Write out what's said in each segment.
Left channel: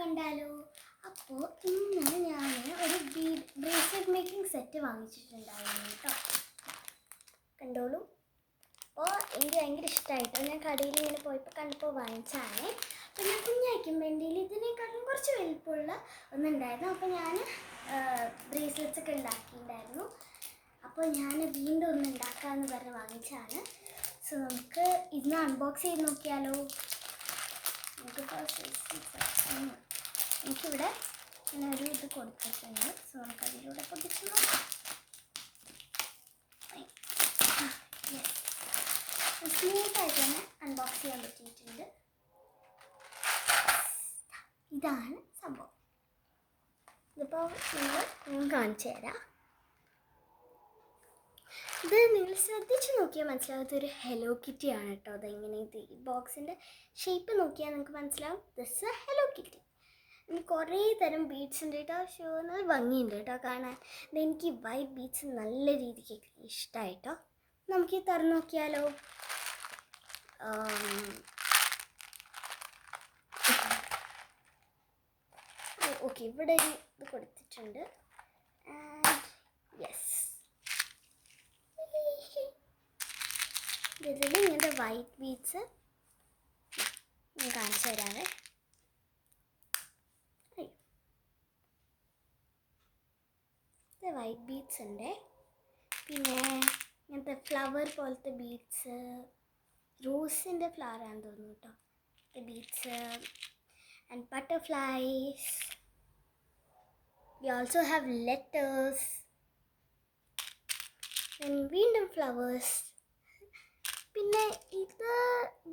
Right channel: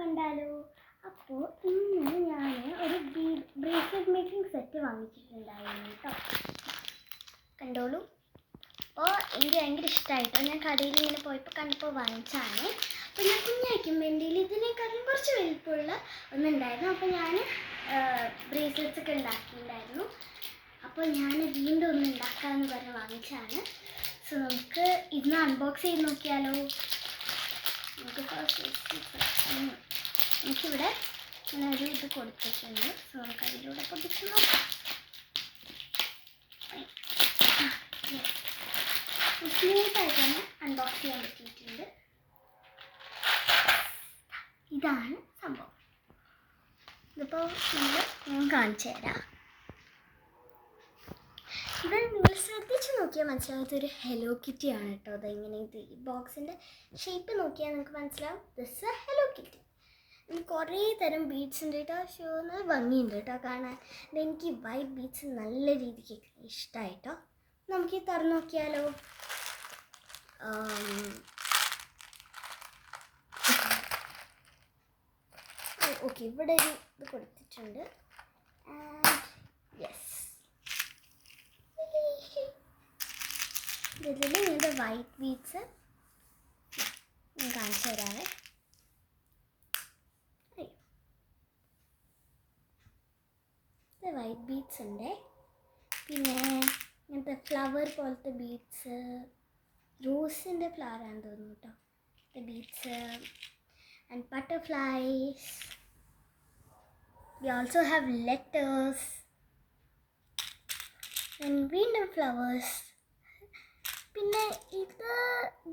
കണ്ടാലോ? അപ്പോൾ ഇന്ന് ഞാൻ ഒരു ബ്രേസ്ലെറ്റ് മേക്കിംഗ് സെറ്റ് വാങ്ങിച്ചിട്ടുണ്ടായിരുന്നു കേട്ടോ. കണ്ടോളൂ. അപ്പോൾ എനിക്ക് ഭയങ്കര ഇഷ്ടമായിട്ടോ. ഞാൻ കടയിൽ ഇങ്ങനെ പോയപ്പോൾ കണ്ടപ്പോൾ വാങ്ങിച്ചാണ്. അപ്പോൾ ഞാൻ കുഞ്ഞായിരിക്കും വേണ്ടിയിൽ ഇതിനേക്കാളും കുറച്ച് വലിപ്പമുള്ള ഒന്നുണ്ടായിരുന്നു. അപ്പോൾ ഞാൻ ബ്രേസ്ലെറ്റ്സ് ഒക്കെ ഉണ്ടാക്കിയിട്ടുണ്ടായിരുന്നു. അപ്പോൾ ഞാൻ വീണ്ടും ഒന്ന് ഉണ്ടാക്കാമെന്ന് പറഞ്ഞ് വാങ്ങിച്ചാണ്. സോ നമുക്ക് ഇന്ന് അൺബോക്സ് ചെയ്ത് നോക്കിയാലോ? എനിക്കിവിടെ ഇങ്ങനെ ഒരു ഇത് കൊടുത്തിട്ടുണ്ട്. സോ നമുക്ക് അതിലൂടെ പൊട്ടിച്ച് നോക്കാം. സ്മൂത്തായിട്ട് തന്നെ അൺബോക്സ് ചെയ്യാൻ പറ്റിയിട്ടുണ്ട്. ഇതാണ് സംഭവം. ഇതിപ്പോൾ ഞാൻ കാണിച്ചു തരാം. ഇത് നിങ്ങൾ ശ്രദ്ധിച്ച് നോക്കിയാൽ മനസ്സിലാവും ഇതൊരു ഹെലോ കിറ്റി ആണ് കേട്ടോ. അതെങ്ങനെ ഇത് ഈ ബോക്സിൻ്റെ ഷേപ്പ് നോക്കിയാൽ നിങ്ങൾക്ക് മനസ്സിലാവും ദിസ് ഹെലോ കിറ്റി. കുറേ തരം ബീഡ്സ് ഉണ്ട് കേട്ടോ. ഷോ നല്ല ഭംഗിയുണ്ട് കേട്ടോ കാണാൻ. എനിക്ക് വൈറ്റ് ബീഡ്സ് നല്ല രീതിക്ക് ഇഷ്ടമായിട്ടോ. നമുക്ക് തുറന്നു നോക്കിയാലോ? ഓക്കെ, ഇവിടെ ഒരു ഇത് കൊടുത്തിട്ടുണ്ട്. യെസ്, ഇതിൽ ഇങ്ങനത്തെ വൈറ്റ് ബീഡ്സ് ഞാൻ കാണിച്ചു തരാവേ. വൈറ്റ് ബീഡ്സ് ഉണ്ട്. പിന്നെ ഇങ്ങനത്തെ ഫ്ലവർ പോലത്തെ ബീഡ്സ്, റോസിൻ്റെ ഫ്ലവർ ആണെന്ന് തോന്നുന്നു കേട്ടോ. Beads and butterflies. We also have letters and വീണ്ടും ഫ്ലവേഴ്സ്. പിന്നെ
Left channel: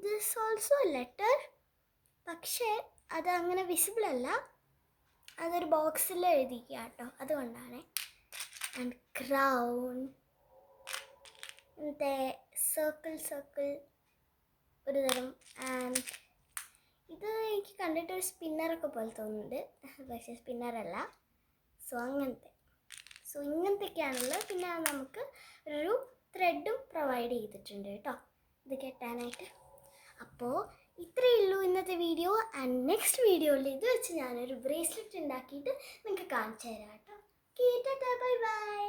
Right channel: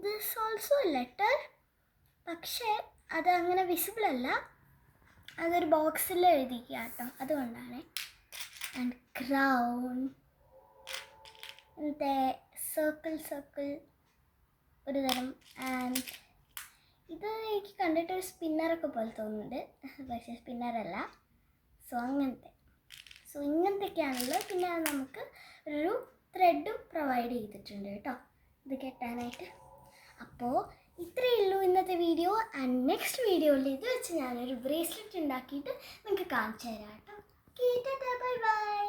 ദിസ് ഓൾസോ ലെറ്റർ, പക്ഷേ അത് അങ്ങനെ വിസിബിൾ അല്ല. അതൊരു ബോക്സിൽ എഴുതിക്കുക കേട്ടോ, അതുകൊണ്ടാണ്. ആൻഡ് ക്രൗൺ, ഇങ്ങനത്തെ സർക്കിൾ ഒരു തരം. ആൻഡ് ഇത് എനിക്ക് കണ്ടിട്ട് ഒരു സ്പിന്നറൊക്കെ പോലെ തോന്നുന്നുണ്ട്, പക്ഷേ സ്പിന്നറല്ല. സോ ഇങ്ങനത്തെയൊക്കെയാണല്ലോ. പിന്നെ നമുക്ക് ഒരു ത്രെഡും പ്രൊവൈഡ് ചെയ്തിട്ടുണ്ട് കേട്ടോ ഇത് കെട്ടാനായിട്ട്. അപ്പോൾ ഇത്രയേ ഉള്ളൂ ഇന്നത്തെ വീഡിയോ. ആൻഡ് നെക്സ്റ്റ് വീഡിയോയിൽ ഇത് വെച്ച് ഞാനൊരു ബ്രേസ്ലെറ്റ് ഉണ്ടാക്കിയിട്ട് നിങ്ങൾക്ക് കാണിച്ചു തരാം കേട്ടോ. Bye bye.